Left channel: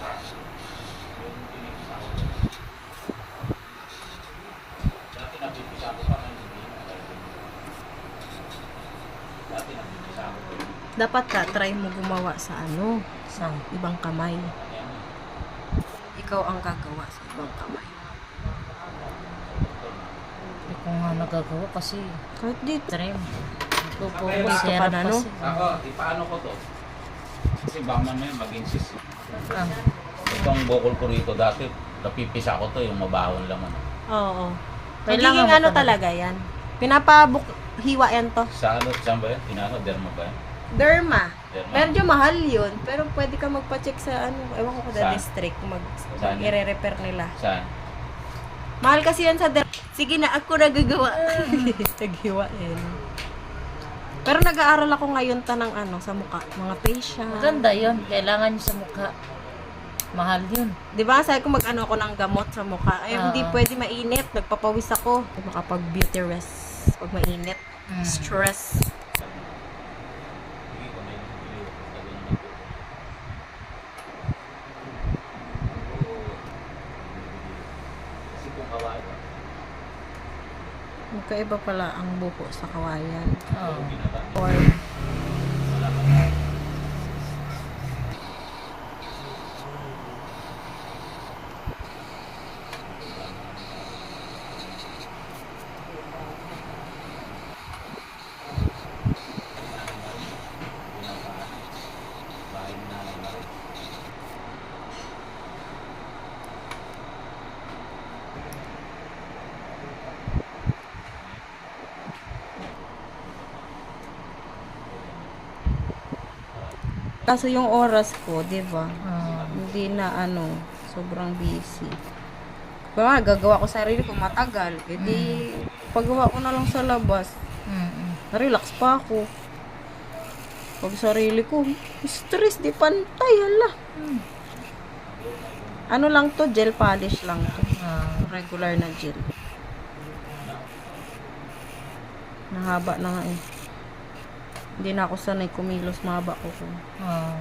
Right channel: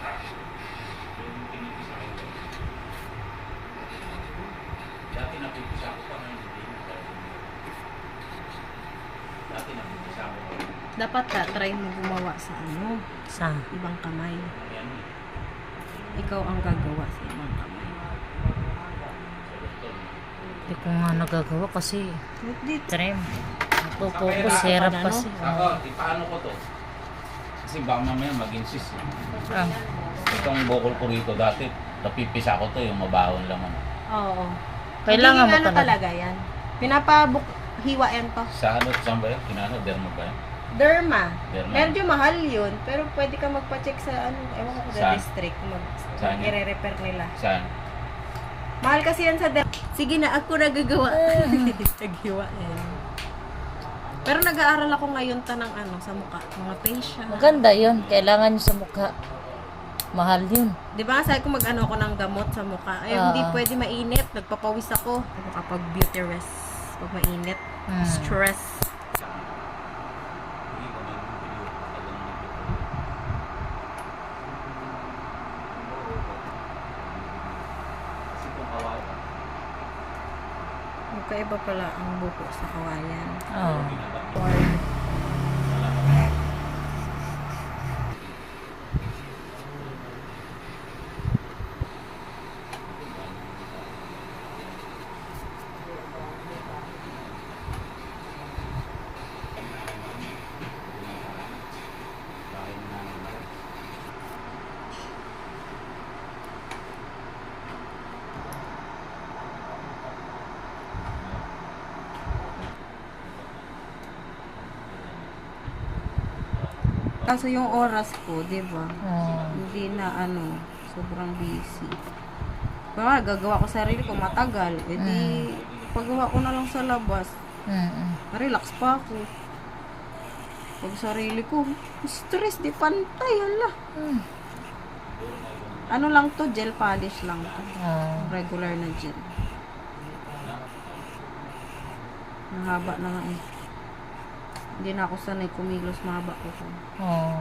Yung pinipisa ko. Dati napipisa ko pa ng hindi na talaga. Dati napipisa ko pa. Dapat ka, try mo gumawa sa ano, Saan? ibang kamay. Ayan. Ikaw ang gagawa sa ibang kamay. Hindi ko nga nagagawa kasi Kahit dito. trim. Kapag Serap ano? kasi. Ako, ipaano ko to? Kasi baka mamaya maging sis. Ah, Itong bukol ko rito dati, napipisa ko to, yung mabahon lang ano. Oo. Kailangan Magiging mo ano talaga yan? Hiwa yan to. Sa ano, saan ba yun? Pinano, derma ba yun? Derma. Derma. Medyo mahal yun. Pero pwede ka magpa-check sa ano, ewan ko sa Saan? district. Saan yun? I-repair nila. Saan? Mahal kasi yan sa Sige na, ako nagagawa. Naghiwa yan. Pero nag-aaral ako ngayon ta ng ano, sa mukha. Mga facial. maganda yun. Kailangan nyo sa mukha. Mahal yun. Di ba sabi ko mag-ano ako ng gamot sa mukha. Ay, hindi pwede mainit. Nagpapawis ako. Makapag beauty rest. Pag mainit. Stress. Kasi kung kawain ka, Magkaiba pala ang buko sa kawayan. Oo. Or, bahay mo na lang. kaso yung oras ko, di ba? Oo. Hindi na ano, sobrang busy. Kung nga, gagawa ko sarili ko matagal, edi paggawa ko na lang sa labas, relax pa ako. Pag sarili ko, stress, di pantay, hala. Ano lang to, gel polish lang to. Regular na gel. Nahaba na nga eh. Hindi na ako sanay kumilos, mahaba ko.